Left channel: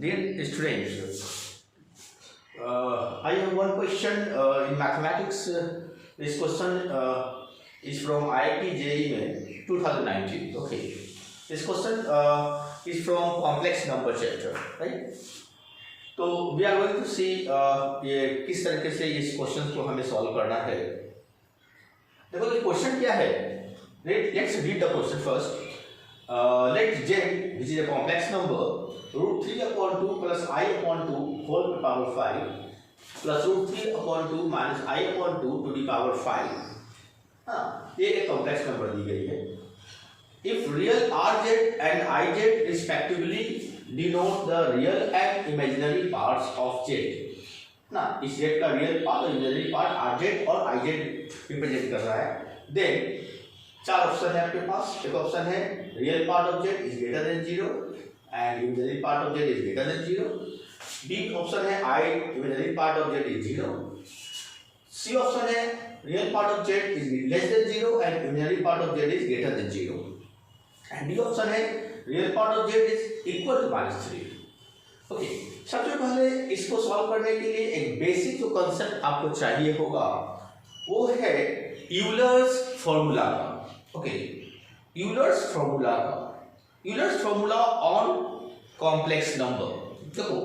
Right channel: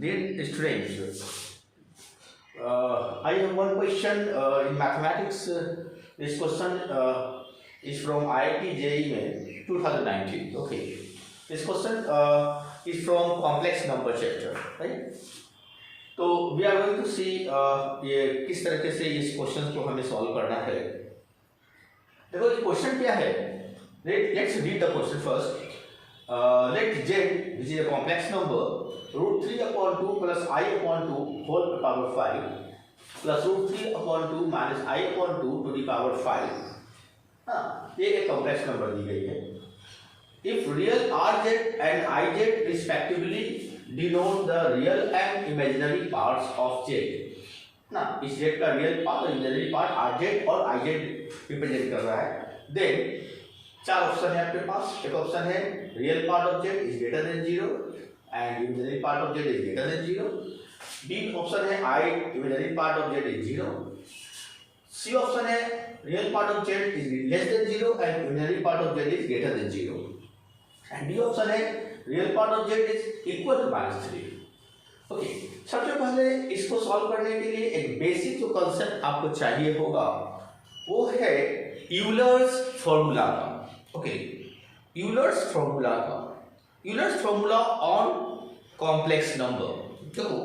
Dear students, I have one question in mathematics. This question is from IIT JEE 2019. Okay. This question is from complex number chapter, right? तो we are going to see ये किस तरीके से इस question को हमें solve करना है. देखो ये क्वेश्चन क्या है. Let's read the question first. Let z, which is a complex number, root 3 upon 2 plus I upon 2 whole to the power 5 plus root 3 upon 2 minus I upon 2 to the power 5. ये एक complex number दी गई है. If real rz and iz respectively denote the real and imaginary parts of z. ना इस z का real part और imaginary part rz और iz represent कर रहा है. देन चार ऑप्शन है आपके पास. एक ऑप्शन है real part of z is greater than 0 and imaginary part of z is greater than 0. B option है i imaginary part of z is 0. C option है real part of z is less than 0 and imaginary part of z is greater than 0. And D option है real part of z is equal to -3. Okay, सबसे पहले इसको solve करने के लिए एक basic जो कांसेप्ट आपको चाहिए होगा वो है यूलर्स फॉर्मूला का. Okay, Euler's formula on complex number. देखो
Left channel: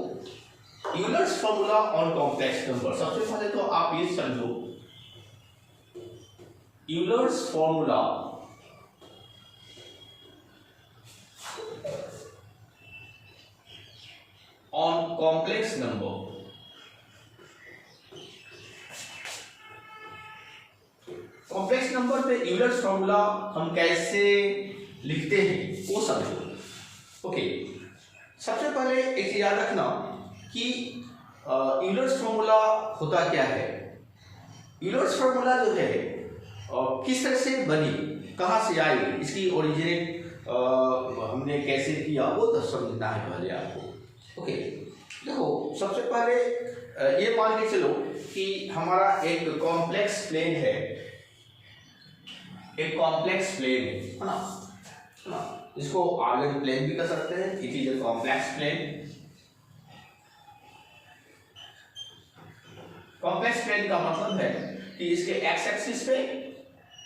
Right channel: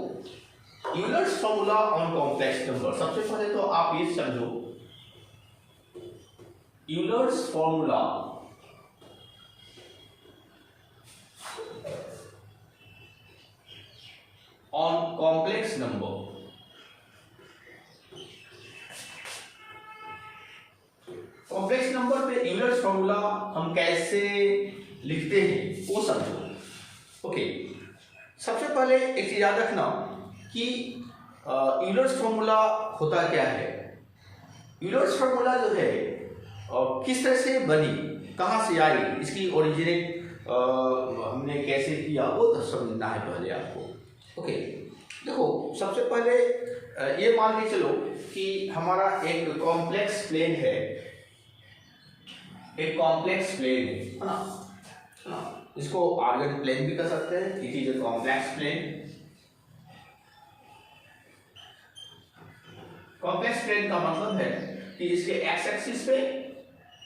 Euler's formula on complex number, सबसे पहले तो आप ये समझो Euler's formula on complex number. Complex number पे यूलर्स फॉर्मूला हम कैसे लिखते हैं वो समझो. ओके, सबसे पहले एक चीज याद रखना कि यूलर्स फॉर्मूला होता क्या है. यूलर्स फॉर्मूला जो है किस तरह से बनी, कहाँ से आई, इसकी ओरिजिनेट हमने कैसे किया वो तो समझना है पहले आपको. ओके, देखो सबसे पहले ये मान के चलो कि हमारा एक कॉम्प्लेक्स प्लेन है. एक कॉम्प्लेक्स प्लेन है ना. इसको आर्गन प्लेन भी कर सकते हैं. It is a complex plane. Complex plane का मतलब है कि इसके एक्स एक्सिस पे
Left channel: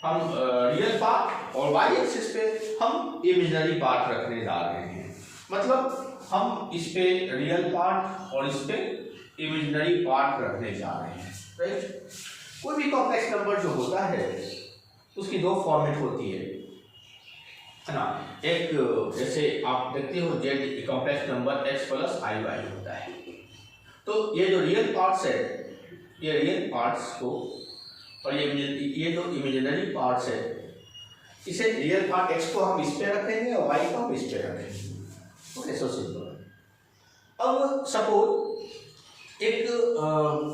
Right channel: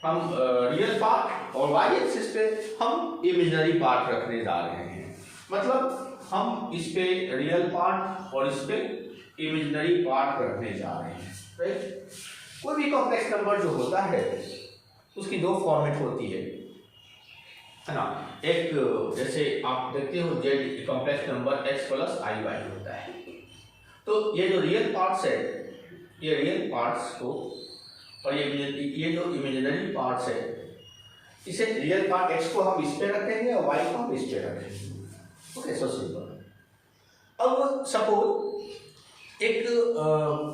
हम रियल पार्ट और वाई एक्सिस पे हम इमेजिनरी पार्ट रखने जा रहे हैं. मतलब हम इस पे रियल पार्ट और इस पे इमेजिनरी पार्ट रखने जा रहे हैं. राइट. कोई भी कॉम्प्लेक्स नंबर जो होता है उसकी दो फॉर्मेट होती है ना. एक जैसे आप देखते हो z complex number x plus i y होता है. तो ये जो रियल पार्ट्स है, ये रियल पार्ट्स को और ये जो इमेजिनरी पार्ट्स है, इसे रियल पार्ट x को हम इस पे रखेंगे और y को हम इस पे रखेंगे. Okay, so simple. अब सपोज एक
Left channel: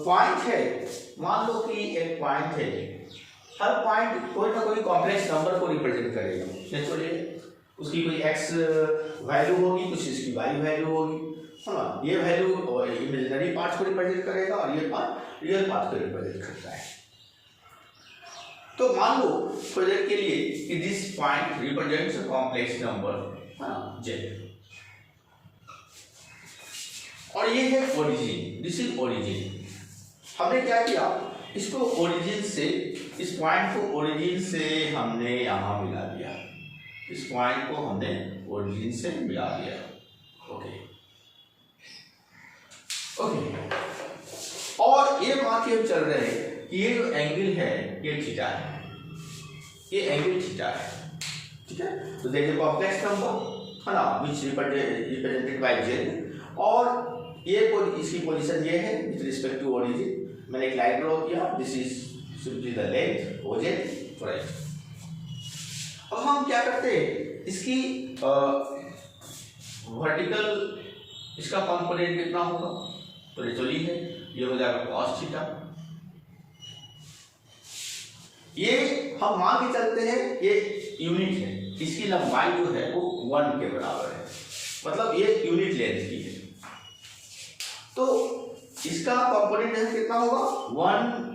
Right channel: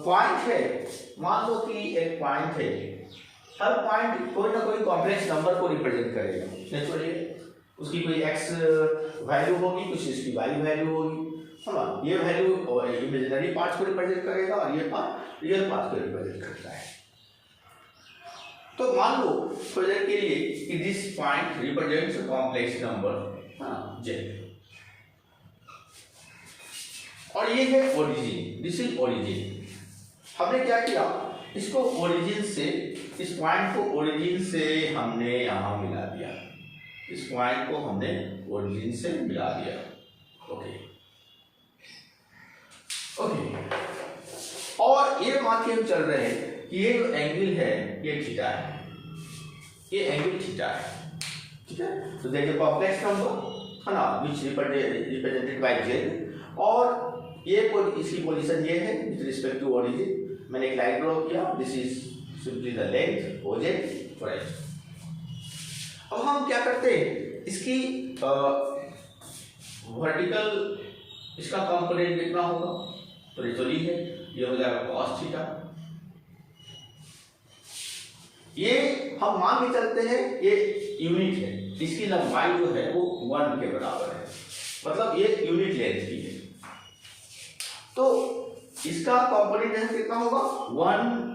पॉइंट है. मान लो कि एक पॉइंट है. हर पॉइंट कोई ना कोई कॉम्प्लेक्स नंबर को रिप्रेजेंट करेगा. नेचुरली उसकी कोई x वैल्यू होगी, कुछ इसकी y वैल्यू होगी, है ना. ये वैल्यू इमेजिनरी पार्ट्स को रिप्रेजेंट करेगा और ये पार्ट रियल पार्ट को रिप्रेजेंट करता है. तो मान लो प्रोजेक्ट के लिए कि this point represents a complex number z और ये है ओरिजिन. This is origin. हमने क्या किया, इसको ओरिजिन से, इस पॉइंट को ओरिजिन से हमने यहां मिला दिया. इस पॉइंट को हमने ओरिजिन से मिला दिया. Okay okay. और ये मान के हम चल रहे हैं कि ये जो एंगल है ये थीटा है. ये एंगल थीटा है. ठीक है. तो देखिए कॉम्प्लेक्स नंबर है ना विच रिप्रेजेंटेड बाय z और ये इसकी पोजीशन ये है विद रिस्पेक्ट टू ओरिजिन. मैंने एक लाइन ड्रॉ किया. This is simply the length OJ for x. अब हम क्या करते हैं, इसकी वर्टिकल इसका कंपोनेंट कितना होगा तो नेचुरली है ये हो जाएगा cos थीटा. ये हम मान के चलते हैं ये यूनिट है. इसकी लंबाई जो है वो 1 के बराबर है. मतलब ये यूनिट लेंथ की है. तो इसका कंपोनेंट लेंथ कितना होगा 1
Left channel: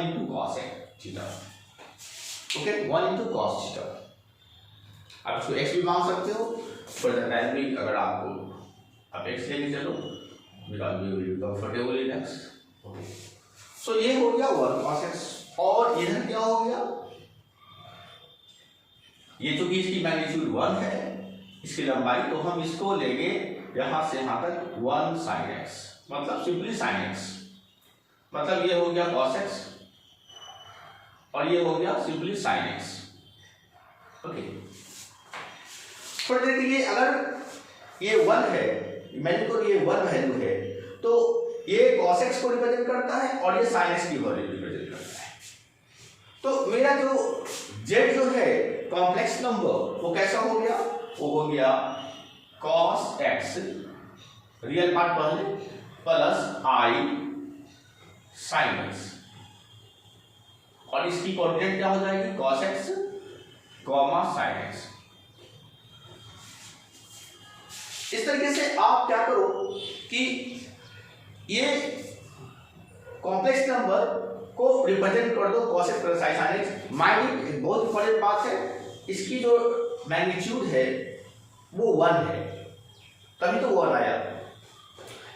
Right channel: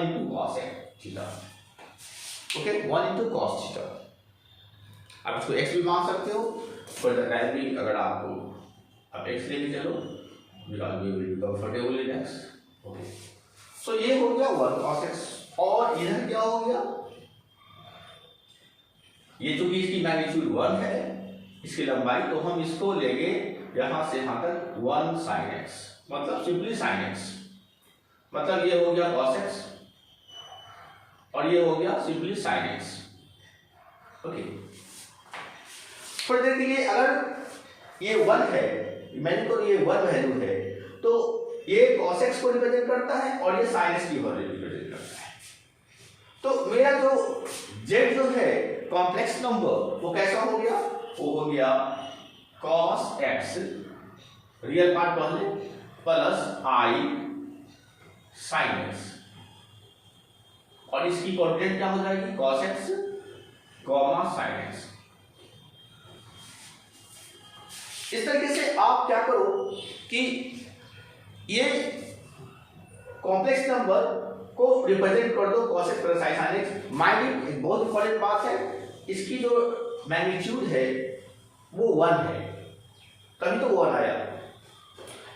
into cos theta. Okay, 1 into cos theta. आप इसको x भी मान सकते हो फॉर द टाइम भी, अगर आपको अब x लेके चलो, because we will be comfortable in x। Okay, so ये हो गया 1 cos x, और इधर क्या हो गया, ये चूंकि इसकी मैग्नीट्यूड 1 है, इसकी लंबाई, तो हम इसको लेंगे यहां से यहां तक 1 sin x, मतलब सिंपली sin x, मतलब ये हो गया cos x और ये हो गया सिंपली sin x। ओके, फिर देखिए अगर ये 1 है, इमेजिन करो ये 1 वैल्यू है, तो ये cos x को रिप्रेजेंट करता है और ये sin x की वैल्यू रिप्रेजेंट करता है। तो मेरा जो z जो है कॉम्प्लेक्स नंबर वो कैसा हो गया, वो हो गया cos x रियल पार्ट पहले प्लस i sin x, और इसकी कोऑर्डिनेट क्या हो जाएगी cos x sin x। इस तरीके से आप क्या करो कि ये कॉम्प्लेक्स नंबर को रिप्रेजेंट कर दो cos x plus i sin x। Mind एक बहुत इंपॉर्टेंट बात है, इसकी जो मैग्नीट्यूड है वो 1 है, तभी तो 1 आया।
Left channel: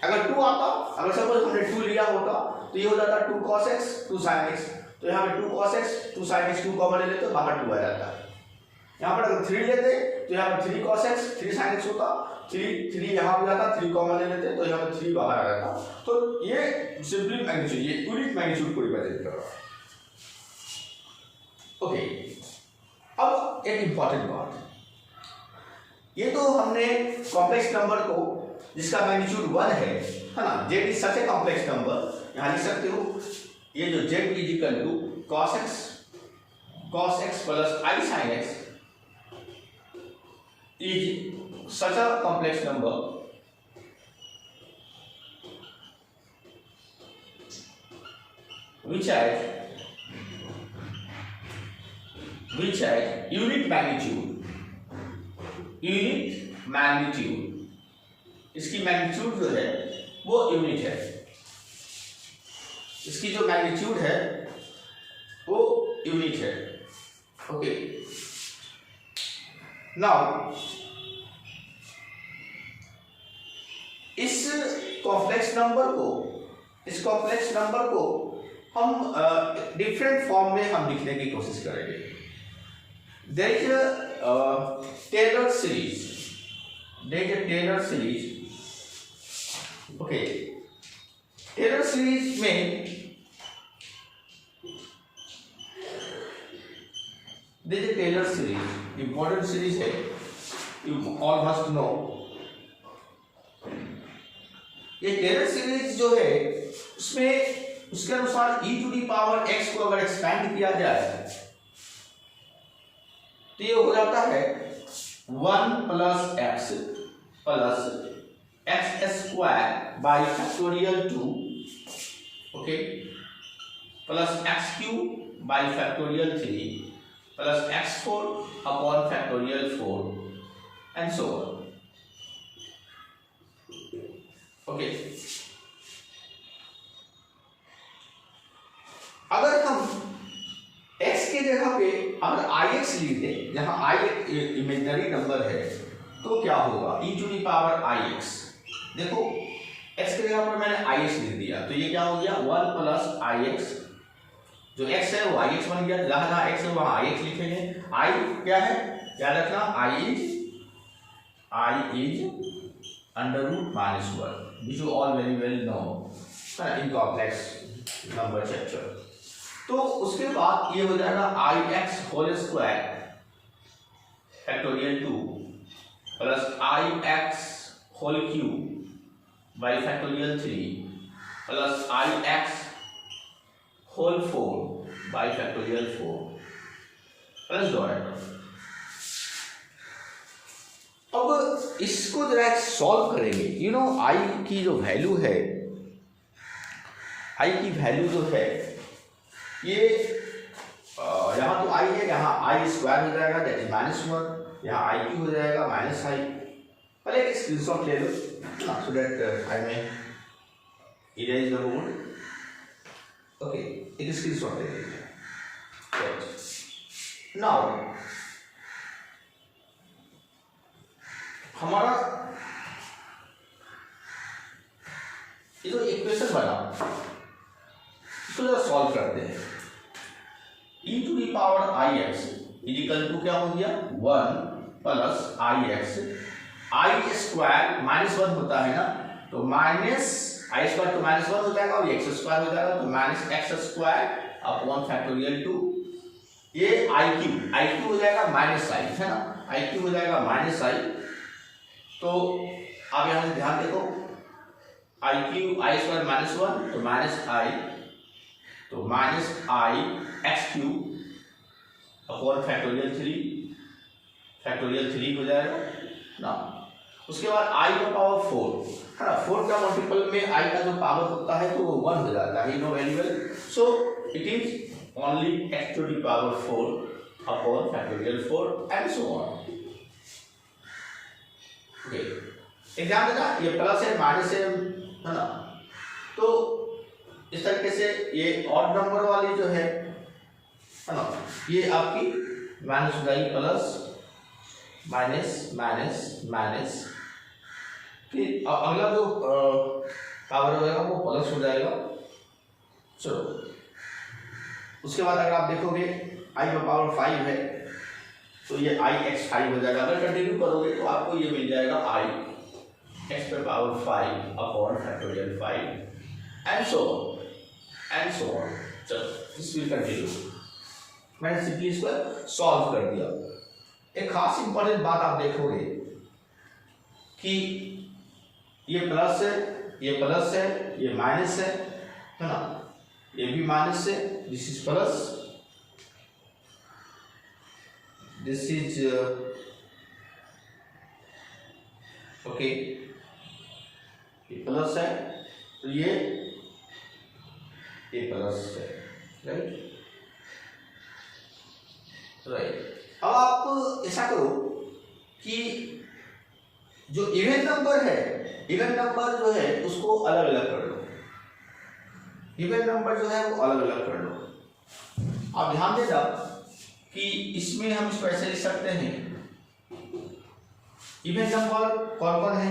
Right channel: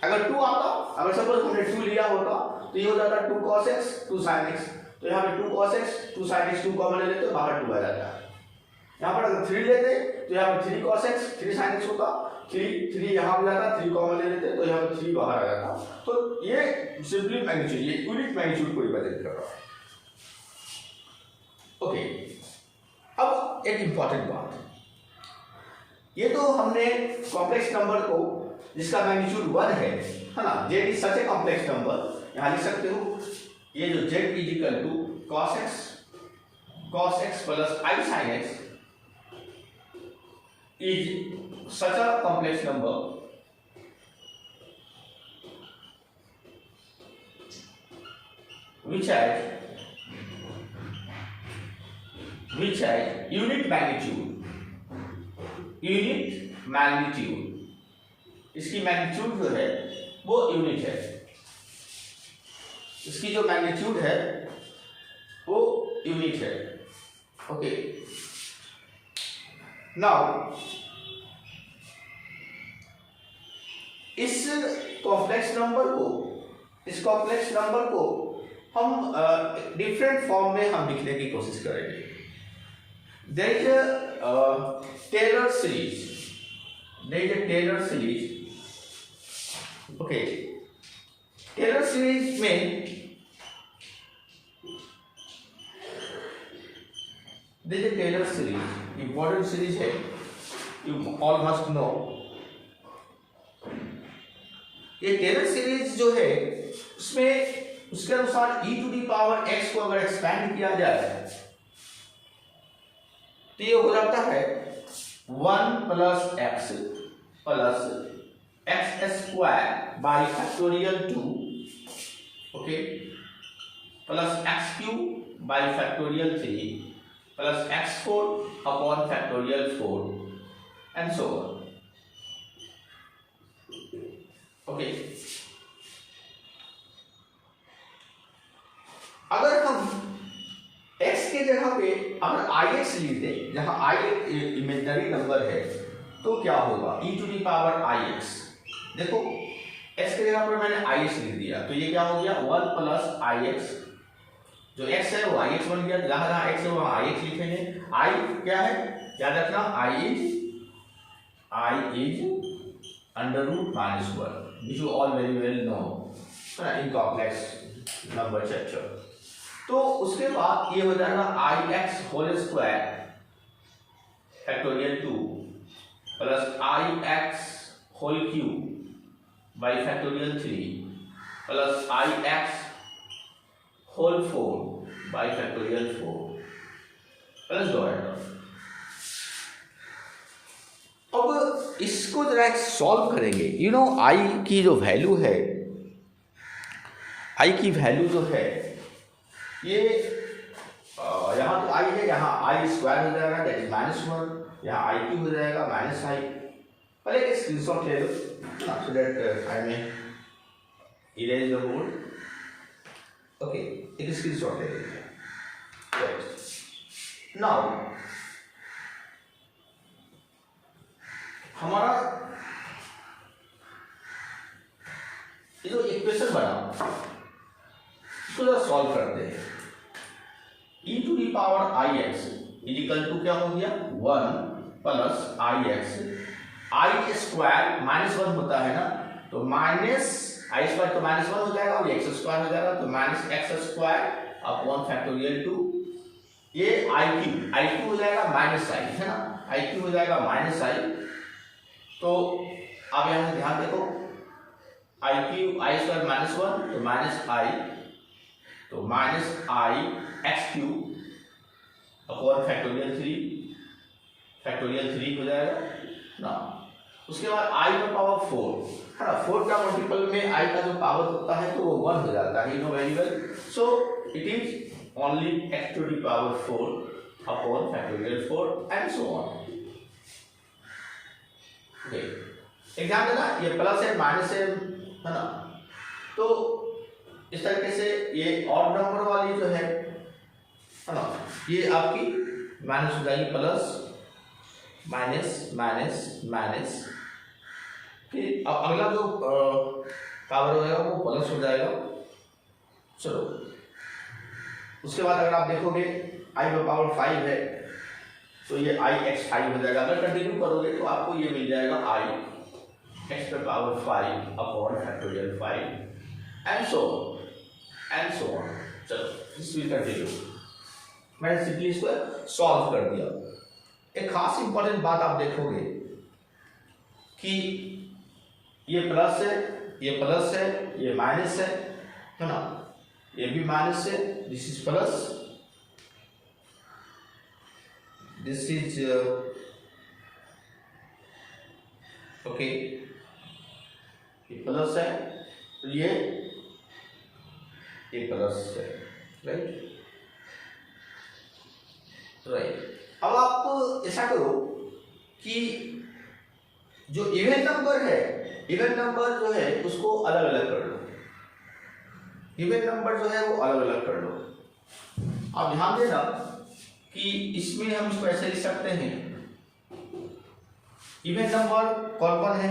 अगर 2 आता, अगर सपोज हमने 2 लिया होता तो ये हो जाता 2 cos x 2 sin x, तो यहाँ पे 2 cos x 2 sin x 2 common ले लेते तो बाहर 2 आ जाता। यहाँ पर अगर 3 लेते तो यहाँ पर 3 cos x 3 sin x होता, 3 यहाँ आ जाता, 3 कॉमन ले लेते तो यहाँ पे 3 बाहर आ जाता। तो ये सिंपली मैग्नीट्यूड, ये यूनिट मैग्नीट्यूड को रिप्रेजेंट कर रहा है। ओके, अब एक इंपॉर्टेंट बात, ये तो हमने कॉम्प्लेक्स नंबर को जिसका मैग्नीट्यूड 1 है ना, z is such a complex number, यहाँ लिख सकते हो ये जो z is equal to cos x plus i sin x is such a complex number which has unit magnitude, इसकी मैग्नीट्यूड जो है वो यूनिट है, इसकी जो मैग्नीट्यूड है वो यूनिट है। ओके, नाउ इस कॉम्प्लेक्स नंबर को हम डिफरेंट फॉर्म में हम लिखने की कोशिश करेंगे। There is a Taylor series, okay, Taylor series में देखिए टेलर सीरीज इंपॉर्टेंट सीरीज है, यू ऑल मस्ट नो। ये टेलर सीरीज जो है उसमें उसके अनुसार e to the power x को अगर एक्सपेंड किया जाए तो ये हो जाता है 1 plus x square by factorial 2, okay, plus x cube by factorial 3 plus x4 upon factorial 4 and so on. Okay, अगर हम x के जगह पे अगर ix लीजिए, जहां i इमेजिनरी नंबर है, तो क्या होगा e to the power ix। देखो x के जगह पर मैंने ix लिख दिया, तो ये क्या हो गया 1 प्लस ix, जो x है वो ix बन गया, जहां x है वहां ix लिखेंगे। i क्या है, याद रखना, i is under root minus 1, which you all very well know in complex number structure। तो उसके बाद ये हो जाएगा ix whole square factorial 2 plus ix whole cube by factorial 3 plus ix whole 4 by factorial 4 plus dot. अब इसको जरा एक सॉल्व करेंगे। यू नो आई की जो वैल्यू है, आई की वैल्यू जो है ये यहाँ तो आई है, यहाँ आई स्क्वायर हो जाएगा दैट इज -1, यहाँ आई क्यूब हो जाएगा -i। पहले एक स्क्रीनशॉट ले लो so that I may erase the board. Okay, एक स्क्रीनशॉट ले लीजिए। नाउ हमारा ये जो इक्वेशन बना इसको जरा सॉल्व करते हैं। E to the power I x is equal to क्या हो गया 1 plus i x, i square minus 1 होता है ना, तो माइनस आई स्क्वायर तो माइनस 1 हो जाएगा और एक्स स्क्वायर हो जाएगा, तो minus x square upon factorial 2, ये आई क्यू हो जाएगा माइनस आई, है ना, आई क्यू हो जाएगा माइनस आई। तो आप यहाँ से ध्यान देखो, I Q I square minus 1 तो माइनस आई, तो माइनस आई एक्स क्यू अपॉन फैक्टोरियल 3 हो जाएगा ना। उसके बाद आई का पावर 4 है ना, 4 का मल्टीपल में आई का जो पावर होता है तो वो 1 हो जाता है, you know very well. So it is only X to the power 4 upon factorial 4 and so on. Exam देना, ये प्लस है माइनस है ना, तो इस तरीके से ये ऑड नंबर वाली जो है ना, ये आपकी माइनस हो जाएगी प्लस माइनस माइनस माइनस, फिर अगला जो पावर हो जाएगा वो प्लस हो जाएगा। चलो उसके बाद अगर आप देखोगे आई का पावर 5 है तो ये आई एक्स 5 हो जाएगा। अगर कंटिन्यू करोगे तो आपको ये मिल जाएगा आई एक्स पे power 5 upon factorial 5 and so on. चलो दिस विल कंटिन्यू। मैंने सिंपली इसको सॉल्व कर दिया। एक खास इंपॉर्टेंट बात आप देखोगे कि ये प्लस है, ये प्लस है, ये माइनस है ना, ये भी माइनस है, this is plus, this is okay, ये प्लस है, ये प्लस है, राइट। अब आप ऐसा करो कि जो इवन नंबर है, इवन नंबर जो है उसको अलग अलग कर लो, इवन नंबर जो है वो अलग अलग कर लो। आप ध्यान देना कि इसमें हम इसको ऐसे लिख सकते हैं, इवन नंबर कौन कौन है,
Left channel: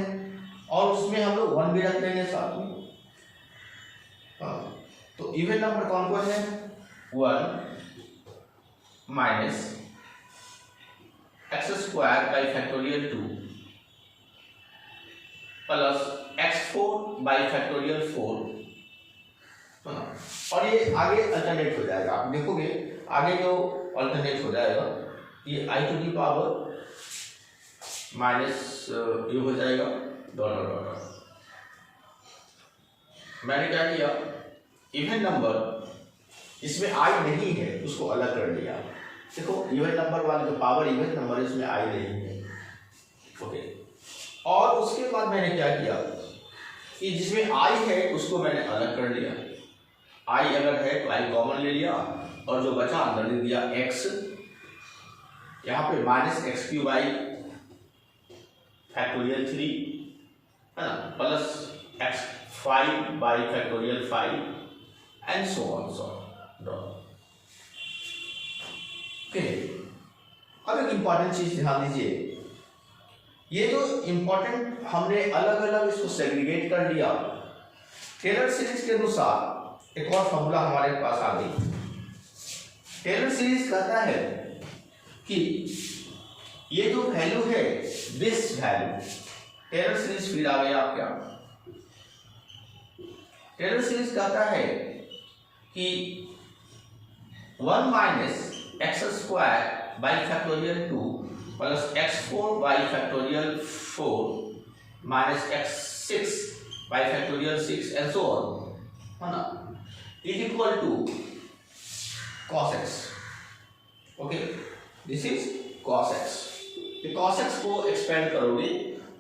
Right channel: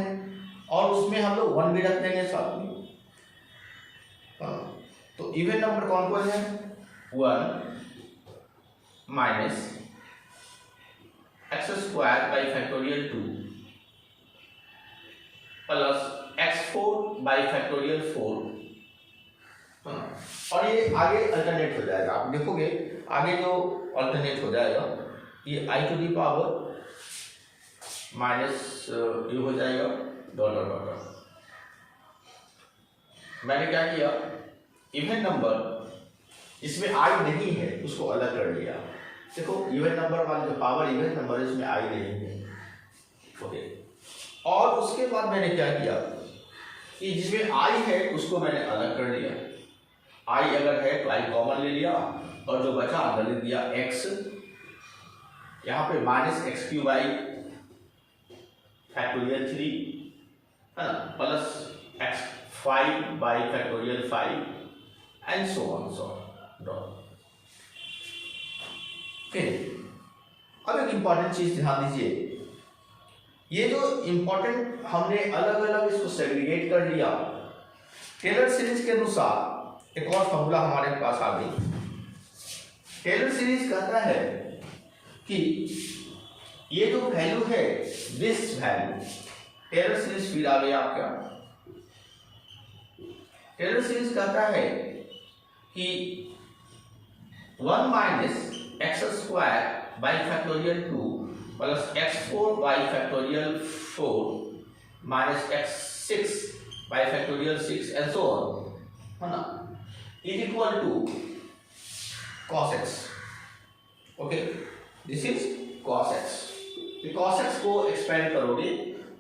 और उसमें हम लोग 1 भी रख देंगे साथ में। तो इवन नंबर कौन कौन है, 1 minus x square by factorial 2 plus x4 by factorial 4, और ये आगे अल्टरनेट हो जाएगा। आप देखोगे आगे जो अल्टरनेट हो जाएगा ये आई टू दी पावर माइनस ये हो जाएगा डॉलर डॉलर। मैंने क्या किया, इवन नंबर इसमें आई नहीं है उसको अलग कर लिया। देखो इवन नंबर वाले जो पावर इवन नंबर है इसमें आई नहीं है, ओके। और उसके बाद मैंने क्या किया कि जिसमें आई है उसको मैंने अलग कर लिया, आई अगर है तो आई कॉमन ले लिया और जो बचा अंदर ले दिया एक्स, यहाँ पे minus x Q by factorial 3 है ना, plus x 5 by factorial 5 and so on dot. अब एक इंपॉर्टेंट चीज ध्यान दीजिए, ये जो इंपॉर्टेंट हमने अलग अलग इसको सेग्रीगेट कर लिया, टेलर सीरीज के अनुसार एक और फॉर्मूला हमारे पास आ गई। टेलर सीरीज कहता है कि ये जो वैल्यू है दिस वैल्यू, टेलर सीरीज फिर आ गया आपका। टेलर सीरीज कहता है कि 1 minus x square by factorial 2 plus x4 by factorial 4 minus x6 by factorial 6 and so on, है ना, is equal to cos x, okay, this is cos x। cos x को expand करोगे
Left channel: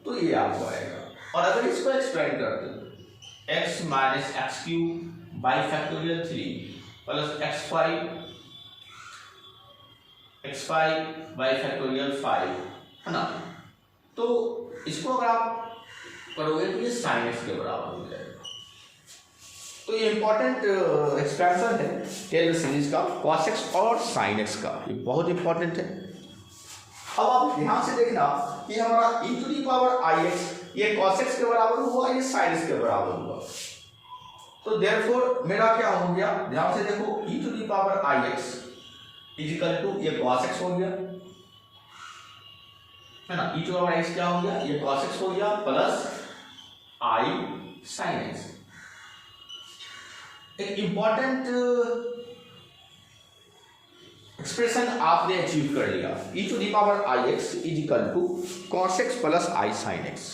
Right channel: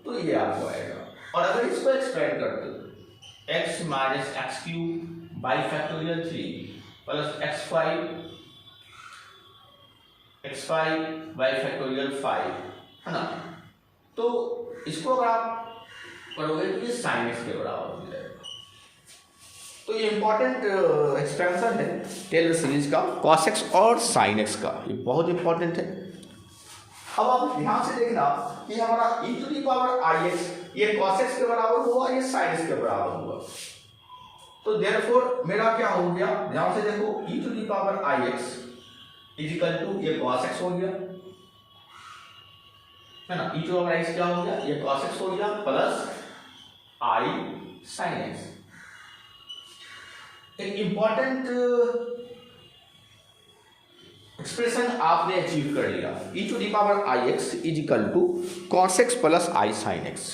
तो ये आपको आएगा, और अगर इसको एक्सपेंड करते हो x minus x cube by factorial 3 plus x5 by factorial 5, है ना, तो इसको अगर आप करोगे तो ये साइन एक्स के बराबर हो जाएगा। तो ये इंपॉर्टेंट एक्सपेंशन है टेलर सीरीज का, cos x और sin x का, ये बहुत इंपॉर्टेंट है। अब आप ध्यान से देखना कि हमारा e to the power i x ये cos x के बराबर हुआ, ये sin x के बराबर हुआ। तो देयरफॉर मेरा क्या हो गया, ध्यान से देखो, e to the power I x is equal to ये cos x हो गया, है ना, e to the power x क्या हो गया, ये cos x हो गया प्लस i sin x। एक इंपॉर्टेंट एक्सप्रेशन आपने अचीव कर लिया, e to the power I x is equal to cos x plus i sin x।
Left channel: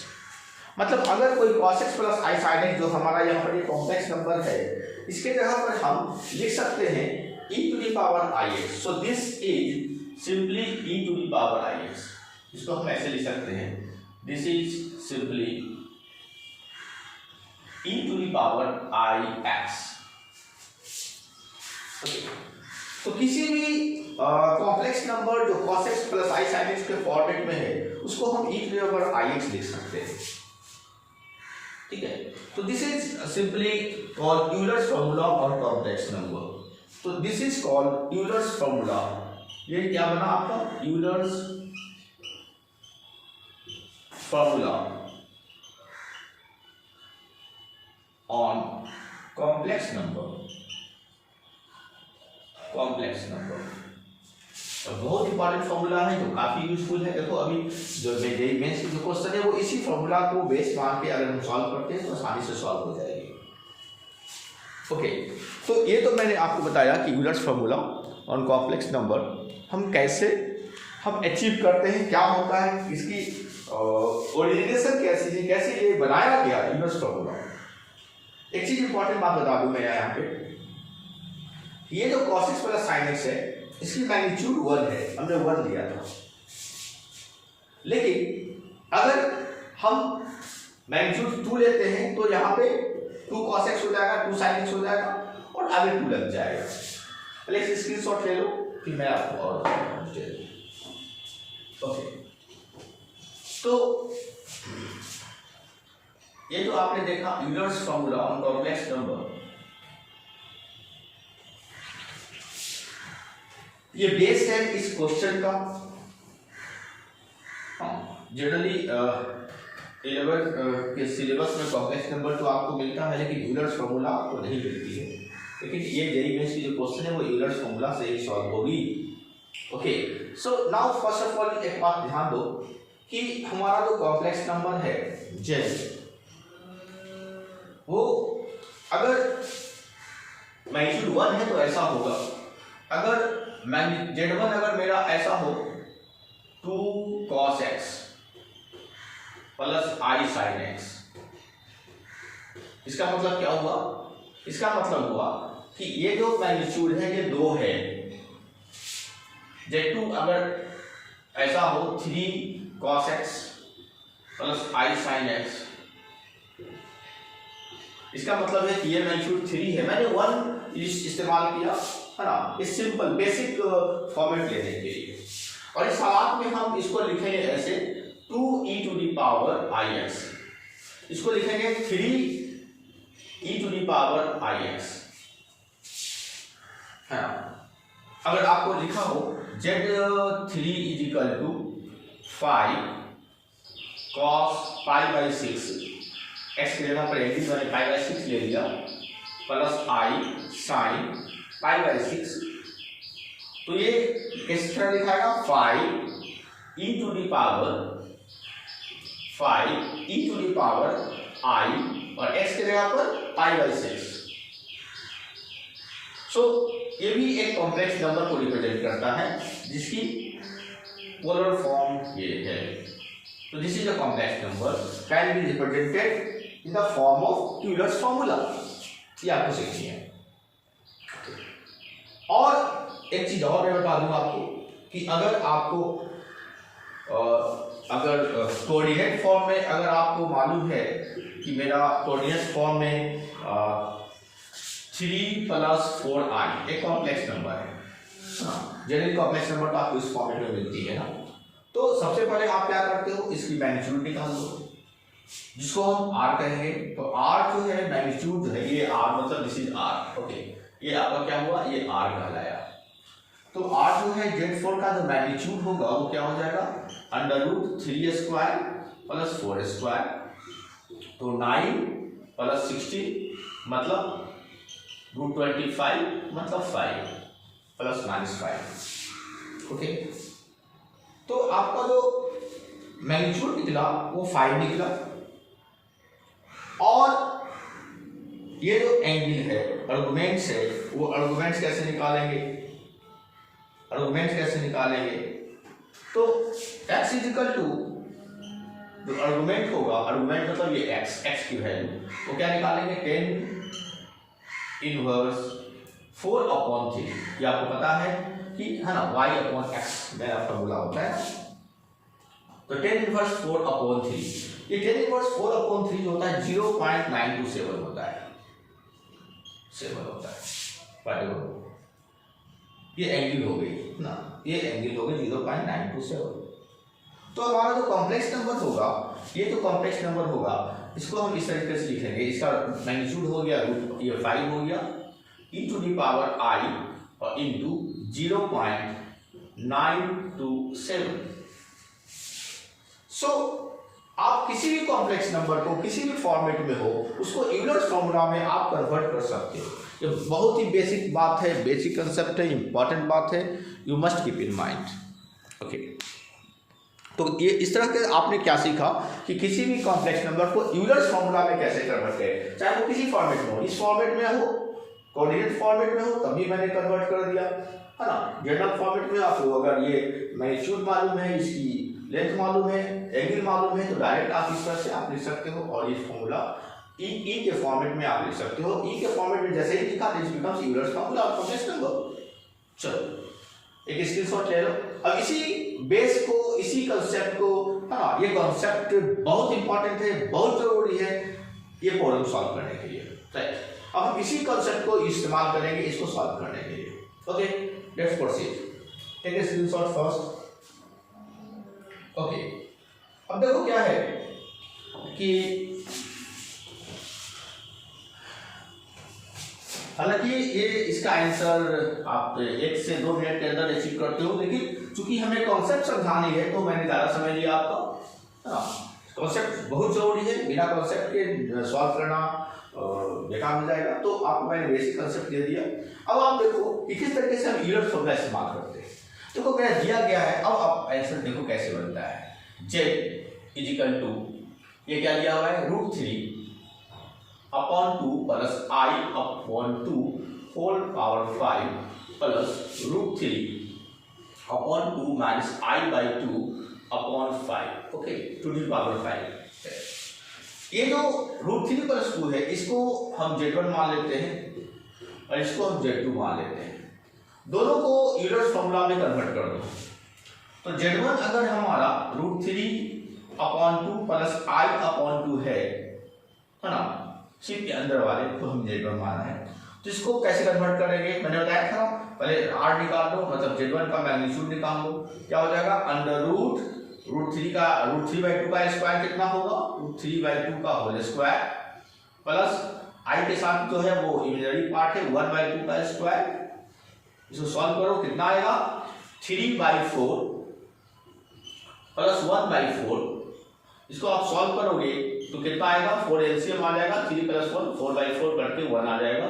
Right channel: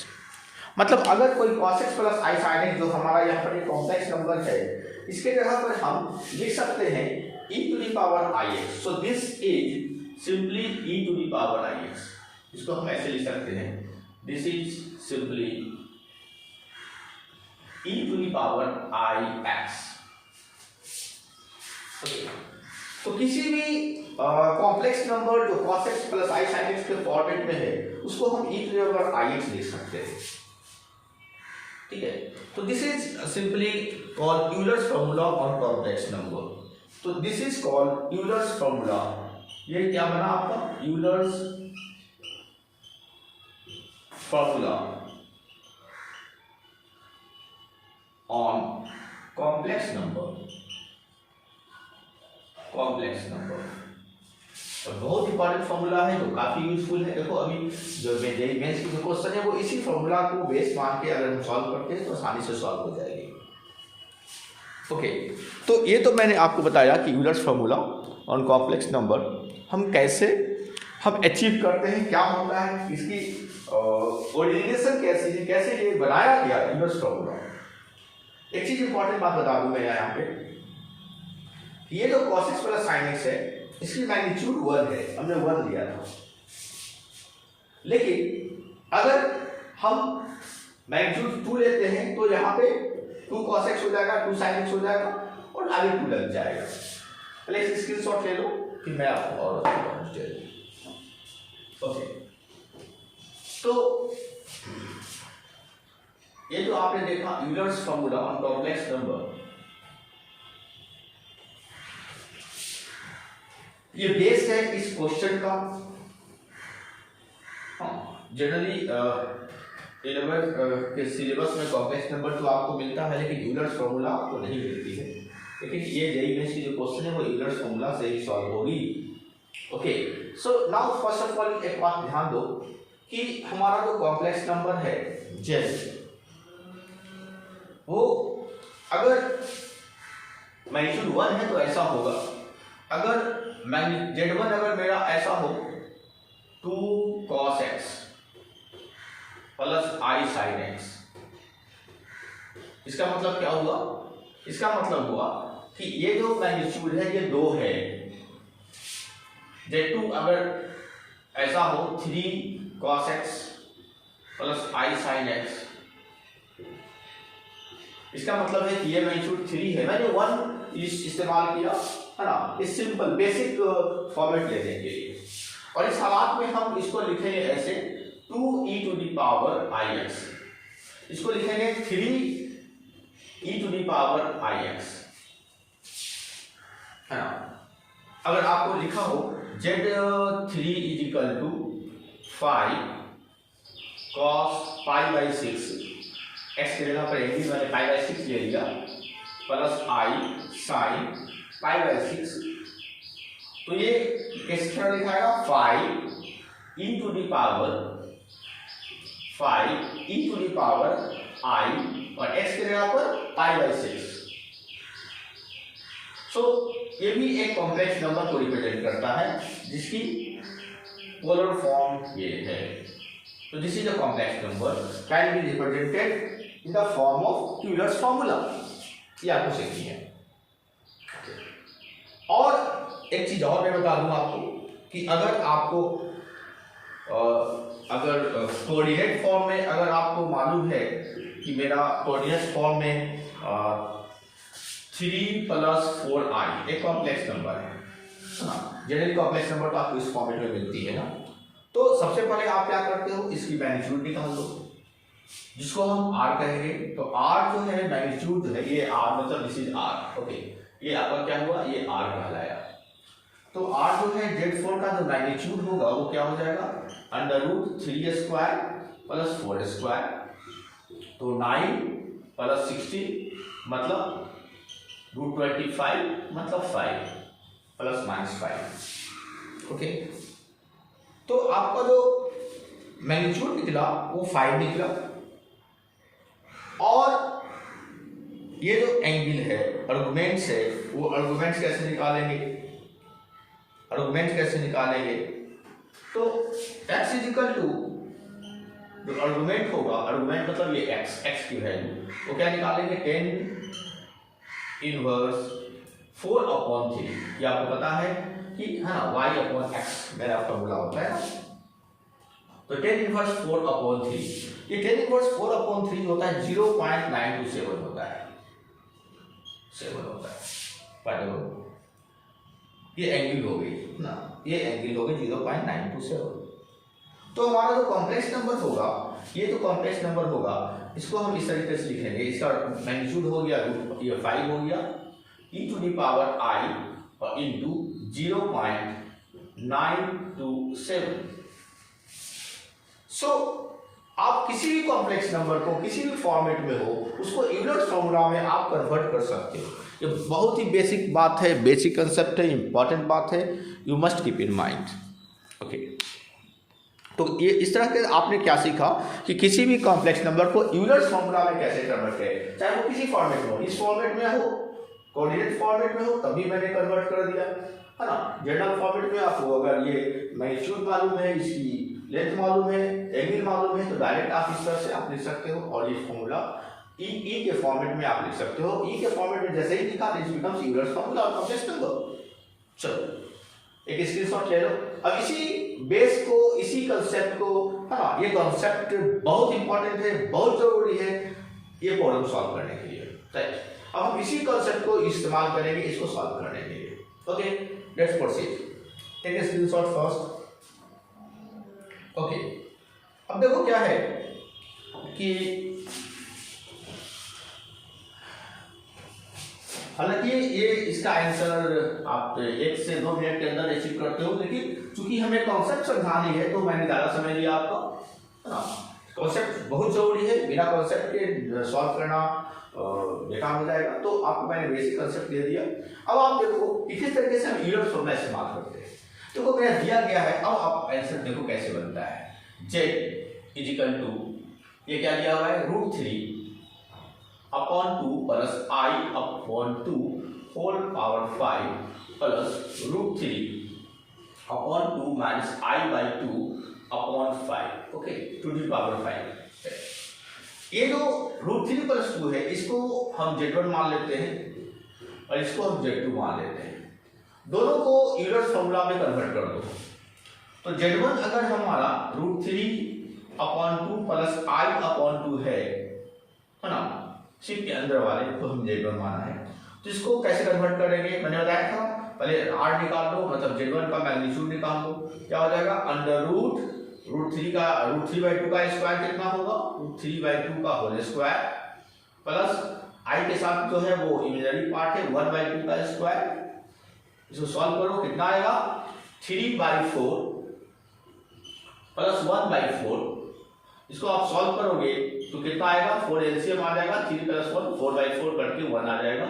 मतलब अगर कोई cos x plus i sin x जो हमारा यहाँ पर कॉम्प्लेक्स नंबर है, इसके जगह पर हम लिख सकते हैं e to the power I X. So this is simply e to the power I X, इसको हम ऐसे लिख सकते हैं, this is simply e to the power I X. तो किसी भी कॉम्प्लेक्स नंबर जो cos x plus i sin x के फॉर्मेट में है, उसको हम e to the power I X लिख सकते हैं, ठीक है। तो this is simply called Euler's formula on complex number. तो this is called Euler's formula, ये क्या बना आपका, Euler's formula on complex number, complex number. तो बहुत इंपॉर्टेंट फॉर्मूला है जो काफी यूजफुल है। देखो अभी जो मेंस की जो क्वेश्चन है वो इसी फॉर्मूला को बेस मान के अगर हम सॉल्व करते हैं तो आसानी से सॉल्व हो जाएगी। ओके, तो ये तो मैंने आपको बताया कि Euler's formula on complex number हम कैसे हम अचीव करते हैं, क्या होता है, इसकी ओरिजिनेशन कैसे थी, कैसे ये बनाया गया यूलर्स फॉर्मूला। एक चीज इंपॉर्टेंट बात बता दूं मैं यहाँ पे, ये जो cos x plus sin x है, इसकी मैग्नीट्यूड 1 है, हमने 1 लिया था। लेकिन अगर हम मैग्नीट्यूड 2 लेते हैं तो यहाँ पे 2 cos x हो जाएगा, 2 sin x हो जाएगा और आगे 2 लग जाएगा। पहले इस स्क्रीनशॉट ले लो, फिर मैं आपको और ओके। तो ये जो आपने देखा Euler's formula on complex number, ये बेस है इस क्वेश्चन का। जनरली 11th के सिलेबस में कॉम्प्लेक्स नंबर तो आपको मिलता है, लेकिन यूलर्स फॉर्मूला आपको नहीं मिलती है। लेकिन ये जेईई मेंस की जो क्वेश्चन है वो यूलर्स फॉर्मूला से ही सॉल्व होगी। Okay, so now first of all एक बात ध्यान दो कि हमारा जो कॉम्प्लेक्स नंबर है जेड, वो अगर मैग्नीट्यूड 1 है तो ऐसा होगा, अगर Z1 अगर मेरा ऐसा हो 2 cos x plus i sin x, इसका मतलब क्या हुआ, इसका मतलब हुआ कि ये जो मैग्नीट्यूड है ये 2 है। Z2 अगर ऐसा हो 3 cos x plus i sin x, इसका मतलब है कि ये मैग्नीट्यूड 3 है। मैंने 1 इस्तेमाल किया है ना, इस सिंपल बेसिक फॉर्मेट लेने के लिए, और इस हालात में हम इसको लिखेंगे ऐसे 2e to the power I X, इसको लिखेंगे 3e to the power I X, है ना। अगर आपको लिखा हो Z3 is equal to 5 cos pi by 6, x की जगह पर एंटी मैंने पाई बाई 6 ले लिया, plus i sin pi by 6, तो ये किस तरह लिखाएगा 5e to the power i और x की जगह पर पाई बाई 6। सो ये भी एक कॉम्प्लेक्स नंबर को रिप्रेजेंट करता है जिसकी पोलर फॉर्म ये है। तो this is a complex number can be represented in the form of Euler's formula, ये आपको सीखनी है। और एक चीज और मैं बता दूंगा आपको कि अगर आपको अगर कोऑर्डिनेट फॉर्म में अगर आपको मालूम है कि मेरा कोऑर्डिनेट फॉर्म में 3 प्लस 4i एक कॉम्प्लेक्स नंबर है, जनरली कॉम्प्लेक्स नंबर तो आपको इस फॉर्मेट में मिलती है ना, तो सबसे पहले आप क्या करते हो, इसकी मैग्नीट्यूड निकाल दो जिसको हम r कहेंगे। तो r जो है मैग्नीट्यूड जो है ये r, मतलब दिस इज r। ओके, ये आपका क्या हुआ, ये r कहलाया। तो r जो है Z4 का जो मैग्नीट्यूड होगा वो क्या हो जाएगा, √3² प्लस 4², तो 9 प्लस 16 मतलब √25 मतलब 5 प्लस माइनस 5। ओके, तो आपका जो मैग्नीट्यूड निकला वो 5 निकला। और ये जो एंगल है, आर्गुमेंट्स है, वो आर्गुमेंट्स कैसे निकालेंगे? आर्गुमेंट्स कैसे निकालेंगे? तो x इजिकल टू जो आर्गुमेंट होगा, आर्गुमेंट मतलब ये x की वैल्यू, वो क्या निकालेंगे? 10 इनवर्स 4/3। ये आपको पता है कि है ना, y/x में आपका बोला होता है ना। तो 10 इनवर्स 4/3, ये 10 इनवर्स 4/3 होता है 0.927 होता है, 7 होता है। ये एंगल हो गई ना, ये एंगल हो गई 0.927। तो हमारा जो कॉम्प्लेक्स नंबर होगा, ये जो कॉम्प्लेक्स नंबर होगा, इसको हम इस तरीके से लिखेंगे। इसका मैग्नीट्यूड हो गया ये 5 हो गया e⁻i इंटू 0.927। सो आप किसी भी कॉम्प्लेक्स नंबर को किसी भी फॉर्मेट में हो, उसको यूलर्स फॉर्मूला में आप कन्वर्ट कर सकते हो। ये बहुत ही बेसिक बात है, बेसिक कंसेप्ट है, इंपॉर्टेंट बात है, you must keep in mind. Okay, तो ये इस तरह के आपने क्या सीखा कि किसी भी कॉम्प्लेक्स नंबर को यूलर्स फॉर्मूला में कैसे कन्वर्ट करें, चाहे वो किसी फॉर्मेट में हो, इस फॉर्मेट में हो, कोऑर्डिनेट फॉर्मेट में हो, तभी मैंने कन्वर्ट कर दिया, है ना। जनरल फॉर्मेट में आपको अगर ये मैग्नीट्यूड मालूम है, इसकी लेंथ मालूम है, एंगल मालूम है, तो डायरेक्ट आप इस तरह से आप लिख सकते हो। और ये फॉर्मूला ई के फॉर्मेट में आप लिख सकते हो। ई के फॉर्मेट में जैसे ही लिखा, this becomes Euler's formula of complex number. चलो एक स्क्रीनशॉट ले लो। अब इसी बेस को, इसी कंसेप्ट को, हाँ, ये कंसेप्ट बहुत इंपॉर्टेंट है, बहुत जरूरी है ये प्रॉब्लम सॉल्व करने के लिए, राइट। अब हम इसी कंसेप्ट को इस्तेमाल करेंगे इसको सॉल्व करने के लिए। Okay, let's proceed. Take a screenshot first. Okay, अब देखो क्या है कि हालांकि ये इसका आंसर आप 1 से 2 मिनट के अंदर अचीव करते हो, लेकिन चूंकि हमें कॉन्सेप्ट समझानी है तो मैंने ज़्यादा समय लिया आपका। कॉन्सेप्ट बहुत जरूरी है, बिना कॉन्सेप्ट के सॉल्व करना बेकार हो जाएगा। तो आपको मैंने बेसिक कॉन्सेप्ट दे दिया। अब आप देखो कि किस तरीके से हम यूलर्स फॉर्मूला इस्तेमाल करते हैं। देखो मेरा दिया गया है, अब आप आंसर देखो कैसे बनता है। z इजिकल टू, ये क्या दिया हुआ है, √3/2 plus i/2 whole power 5 plus √3/2 minus i/2/5, okay, to the power 5। ये जो √3 प्लस 2 है, इसको हम z1 मान लेते हैं और इसको हम z2 मान लेते हैं। दोनों को यूलर्स फॉर्मूला में कन्वर्ट कर दो। तो z1 अगर हमारा √3/2 प्लस i/2 है ना, सिर्फ के अंदर वाले को हम z1 माना है। तो इसको कैसे कन्वर्ट करेंगे, मैंने बताया था, पहले r निकाल लो, मतलब z1 का मैग्नीट्यूड निकाल लो। क्या हो जाएगा, √3 का √3/2 का स्क्वायर कितना होगा, √3/2 का होल स्क्वायर प्लस i के साथ जो है वो इमेजिनरी पार्ट है 1/2 का स्क्वायर। इसको सॉल्व करो, कितना आएगा, 3/4 प्लस 1/4। इसको आप सॉल्व करोगे तो कितना आएगा, 4 एलसीएम आ जाएगा, 3 + 1 4/4 करके 1 आ जाएगा।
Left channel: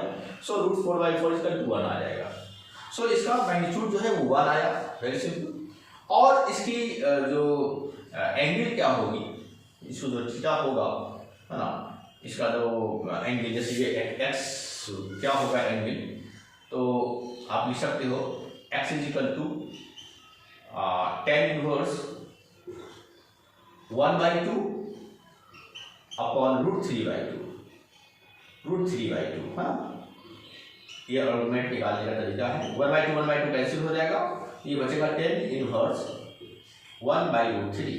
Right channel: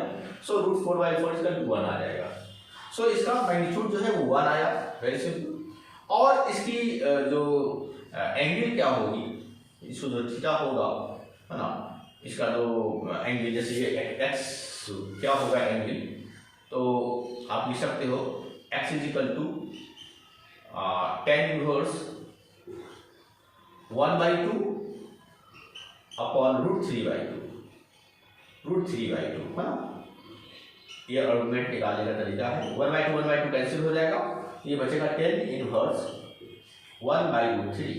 सो √4/4 इसका 1 आ जाएगा। सो इसका मैग्नीट्यूड जो है वो 1 आया, वेरी सिंपल। और इसकी जो एंगल क्या होगी, इसको जो थीटा होगा, है ना, इसका जो एंगल, जैसे ये x क्या होगा एंगल, तो आप लिख सकते हो x is equal to tan inverse 1/2 upon √3/2, है ना। ये आर्गुमेंट निकालने का तरीका है। 1/2 कैंसिल हो जाएगा, ये बचेगा tan इनवर्स 1/√3।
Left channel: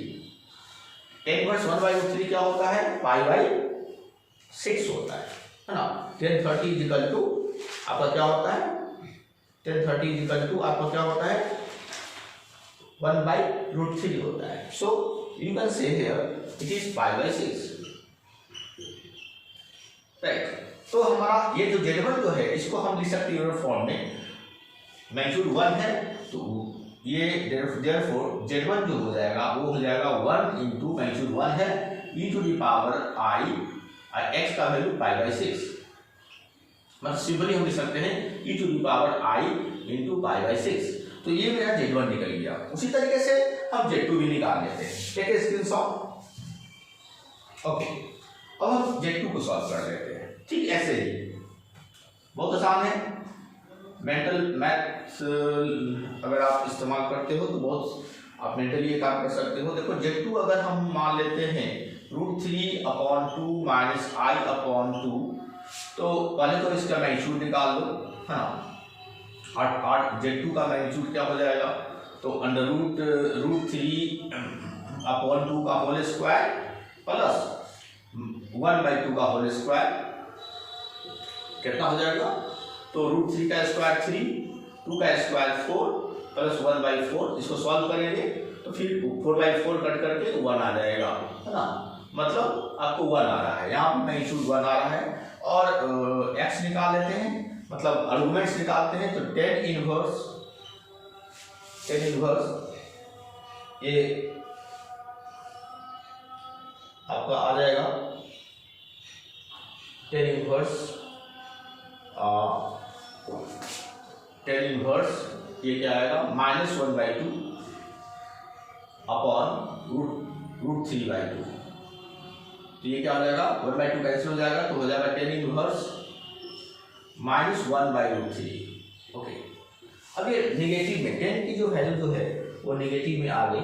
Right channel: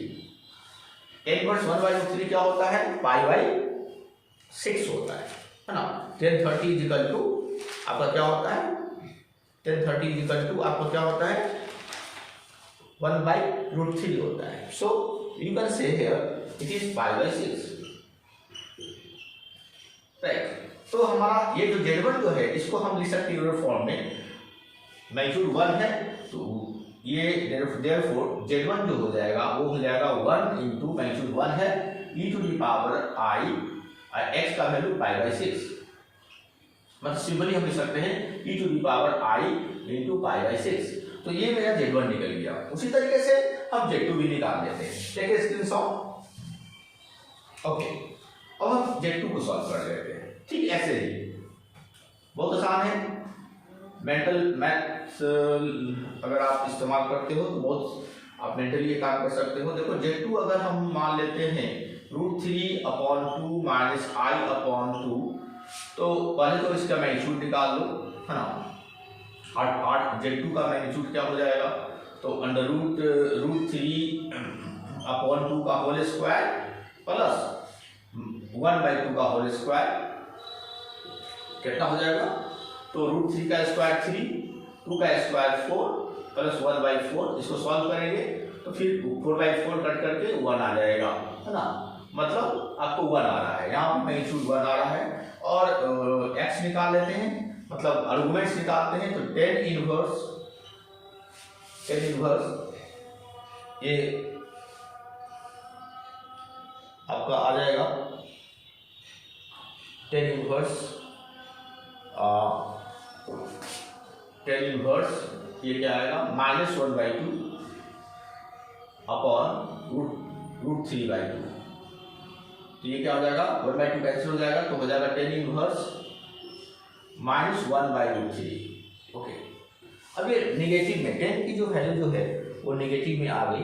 tan इनवर्स 1/√3 क्या होता है, π/6 होता है ना। tan 30 इजिकल टू आपका क्या होता है, tan 30 इजिकल टू आपका क्या होता है, 1/√3 होता है। So you can say here it is π/6, right. तो हमारा ये जो z1 जो है, इसको हम लिख सकते हैं यूलर फॉर्म में, मैग्नीट्यूड 1 है, तो ये देयरफॉर z1 जो हो जाएगा वो हो जाएगा 1 इंटू मैग्नीट्यूड 1 है e⁻i, x का वैल्यू π/6, मतलब सिंपली हम लिख सकते हैं e to the power I into pi by 6। तो ये मेरा Z1 निकल गया। उसी तरीके से हम Z2 भी निकाल लेते हैं। Take a screenshot. ओके, अब हम Z2 को सॉल्व कर लेते हैं। ठीक ऐसे ही बहुत आसान है। मेंटल मैथ्स अगर आप इस्तेमाल करते हो तो बहुत आप मेंटली ये काम कर सकते हो। देखो Z2 अगर हम मान लेते हैं √3/2 माइनस I/2, तो पहले तो इसका मैग्नीट्यूड निकाल लो, है ना। Z2 का मैग्नीट्यूड क्या हो जाएगा, तो √3/2 का होल स्क्वायर प्लस 1/2 का होल स्क्वायर कितना हो जाएगा, तो √3 का स्क्वायर 3, 2 का स्क्वायर 4 प्लस 1/4। इसको सॉल्व करेंगे तो फिर 4/4 कट करके 1 आ जाएगा, है ना। मतलब आपको 1 आ रहा है, यहाँ पर मैग्नीट्यूड 1 आ रहा है। और x निकाल लेते हैं, मतलब आर्गुमेंट्स निकालते हैं। तो tan इनवर्स ये आपका आ जाएगा tan इनवर्स ये क्या आएगा, -1/2 अपॉन √3/2। तो ये क्या हो जाएगा, 1/2 कैंसिल हो जाएगा, तो हो जाएगा tan इनवर्स -1/√3। ओके, अब ये निगेटिव में tan की जो वैल्यू जो है वो निगेटिव में आ गई,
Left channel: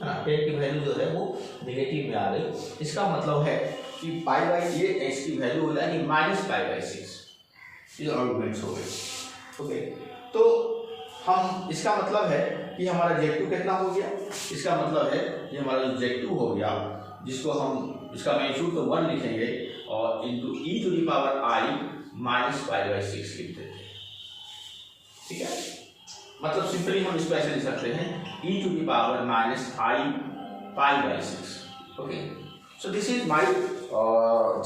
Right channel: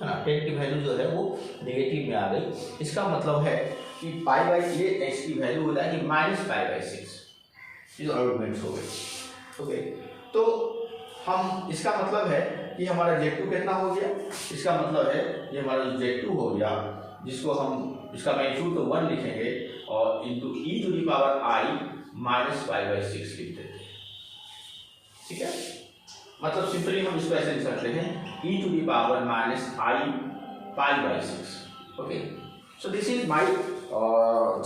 है ना। tan की वैल्यू जो है वो निगेटिव में आ गई। इसका मतलब है कि ये x की वैल्यू हो जाएगी -π/6। ये जो आर्गुमेंट्स हो गए। ओके, तो हम इसका मतलब है कि हमारा Z2 कितना हो गया, इसका मतलब है ये हमारा Z2 हो गया, जिसको हम इसका मैग्नीट्यूड तो 1 लिखेंगे और into e to the power I -π/6 लिख देते हैं। ठीक है, मतलब सिंपली हम इसको ऐसे लिख सकते हैं e to the power -I π/6। Okay, so this is my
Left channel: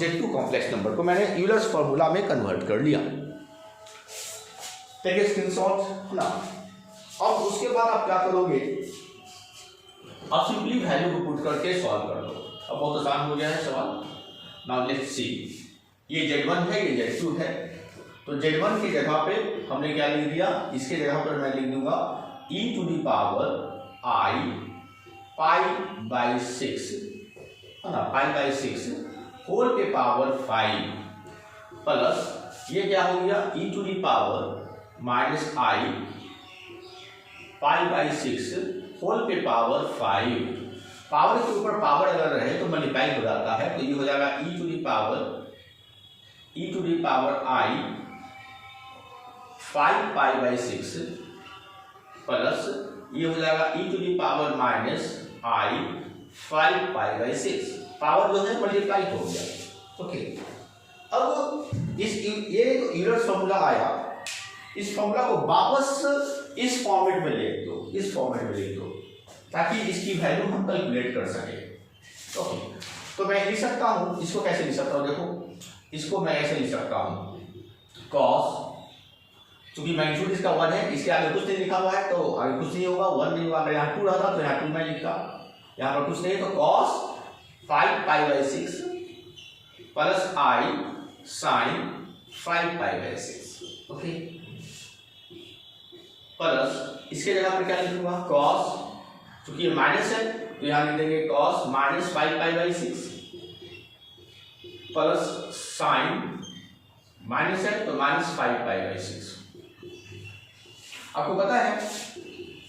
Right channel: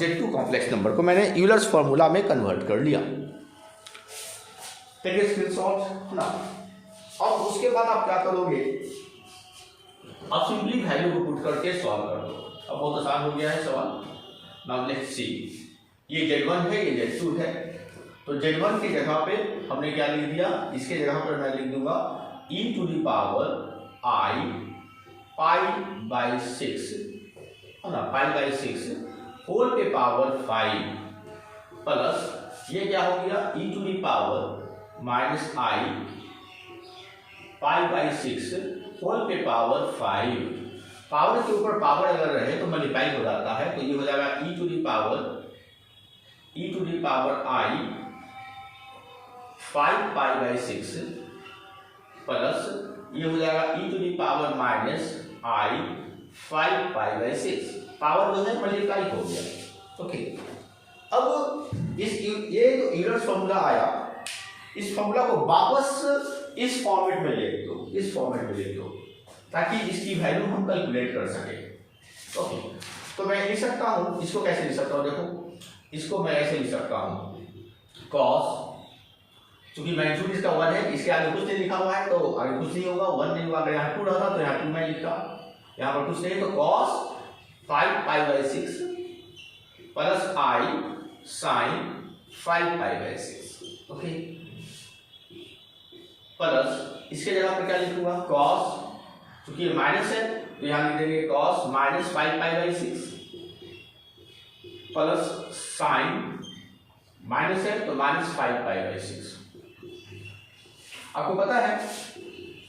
Z2 complex number को मैंने यूलर्स फॉर्मूला में कन्वर्ट कर लिया। टेक ए स्क्रीनशॉट ना। अब उसके बाद आप क्या करोगे, आप सिंपली वैल्यू को पुट करके सॉल्व कर दो। अब बहुत आसान हो गया है सवाल। नाउ लेट्स सी, ये Z1 है, ये Z2 है। तो Z1 की जगह पे हमने क्या लिख दिया, इसके जगह पर मैं लिख दूंगा e to the power I π/6, है ना, π/6 होल के पावर 5 प्लस ये क्या हो गया e to the power -I π/6 whole के पावर 5। पावर के ऊपर पावर अगर रहे तो मल्टीप्लाई हो जाता है, तो ये हो जाएगा e to the power I 5π/6 plus ये हो जाएगा e to the power -I 5π/6। Power जो है मल्टीप्लाई हो गया। ओके, अब ये जो यूलर्स फॉर्मूला आया, इस फॉर्मूला को वापस इस फॉर्मेट में लिख दो, इस फॉर्मेट में लिख दो, ताकि इसकी वैल्यू हम कैलकुलेट कर सके। ओके, तो मैं लिख सकता हूँ, इसको कैसे लिख सकता हूँ, देखो इसको मैं ऐसे लिख सकता हूँ cos, क्योंकि मैग्नीट्यूड इसका 1 है, इसके आगे कुछ नहीं लिखा हुआ है तो आगे कुछ नहीं होगा, 1 नहीं होगा। अगर यहाँ 2 रहता तो यहाँ 2 मैं लिखता, यहाँ पर कुछ नहीं, तो cos 5π/6 plus I sin 5π/6। Okay, plus इसके जगह पर क्या लिखूंगा cos, क्योंकि ये माइनस है तो यहाँ लिख देंगे cos -5π/6 प्लस साइन, माइनस है तो -5π/6। आपको पता है,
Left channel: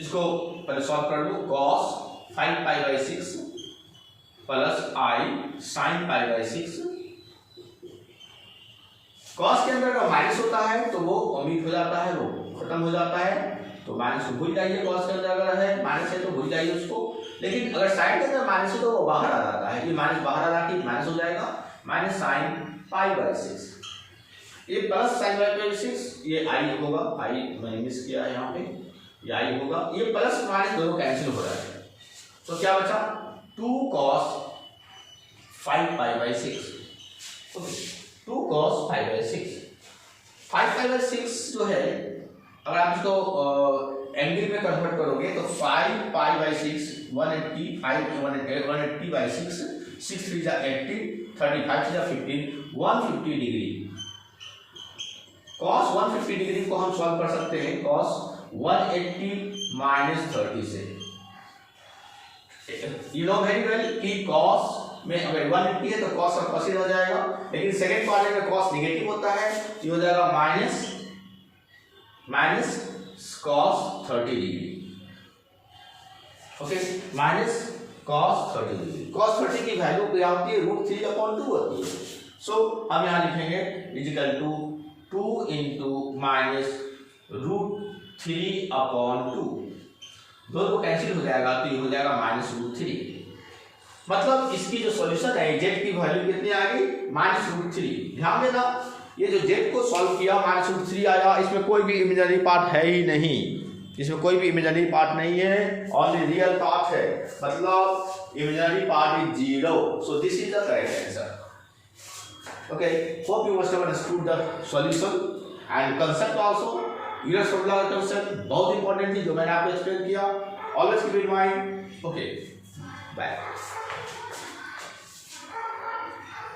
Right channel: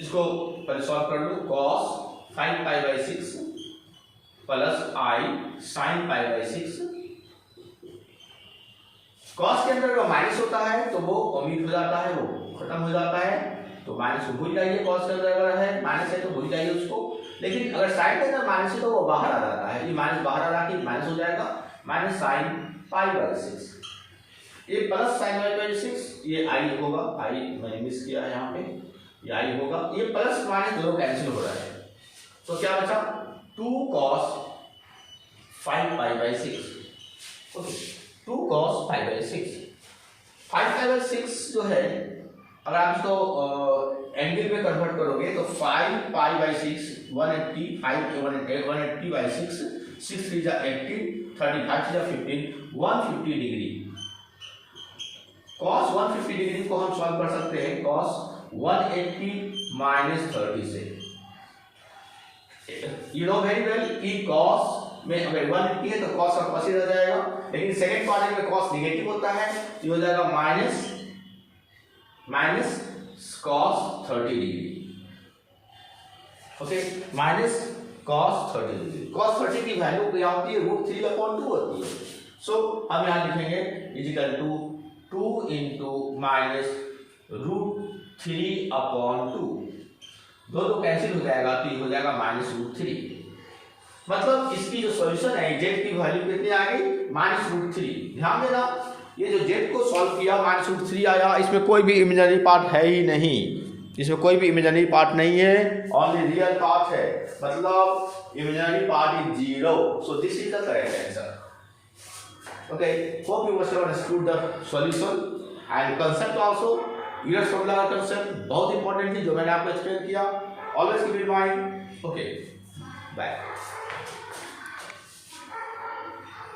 इसको पहले सॉल्व कर लो। cos 5π/6 plus I sin π/6। cos के अंदर का माइनस होता है तो वो ओमिट हो जाता है, वो खत्म हो जाता है, तो माइनस को भूल जाइए। cos के अंदर अगर है माइनस है तो भूल जाइए उसको। लेकिन अगर साइन के अंदर माइनस है तो वो बाहर आ जाता है, ये माइनस बाहर आ रहा है, माइनस हो जाएगा -sin π/6। ये प्लस sin π/6, ये I होगा, I मैंने मिस किया है यहाँ पे, ये I होगा। ये प्लस माइनस दोनों कैंसिल हो रहा है, तो क्या बचा 2 cos 5π/6। Okay, 2 cos 5/6। 5π/6 जो है, अगर आप इसको एंगल में कन्वर्ट करोगे तो 5π/6 180, 180/6, 6 3 जा 80, 35 3 जा 15, 150 डिग्री cos 150 डिग्री को हम सॉल्व कर सकते हैं cos 180 माइनस 30 से। यू नो वेरी वेल कि cos में अगर 180 है तो cos का cos ही रह जाएगा, लेकिन सेकंड क्वाड्रेंट में cos नेगेटिव होता है तो ये हो जाएगा minus cos 30 degree. Okay, minus cos 30 degree. cos 30 की वैल्यू क्या होती है? √3/2 होती है। सो हम यहाँ लिखेंगे इजिकल टू 2 इंटू माइनस √3/2। दोनों कैंसिल हो जाएगा तो ये हो जाएगा -√3। मतलब इसकी जो सॉल्यूशन है z की वैल्यू कितनी आ गई? -√3। ध्यान देना, ये जो z को सॉल्व किया -√3 आया, इसमें कोई भी इमेजिनरी पार्ट है ही नहीं, इसमें कोई भी इमेजिनरी पार्ट नहीं है, ओनली रियल पार्ट है, मतलब imaginary part is 0। So this is the correct answer. Okay, hope you must have understood the solution and concept also. Euler's formula का कांसेप्ट बहुत इंपॉर्टेंट थी जो मैंने आपको एक्सप्लेन किया। Always keep in mind. Okay, bye.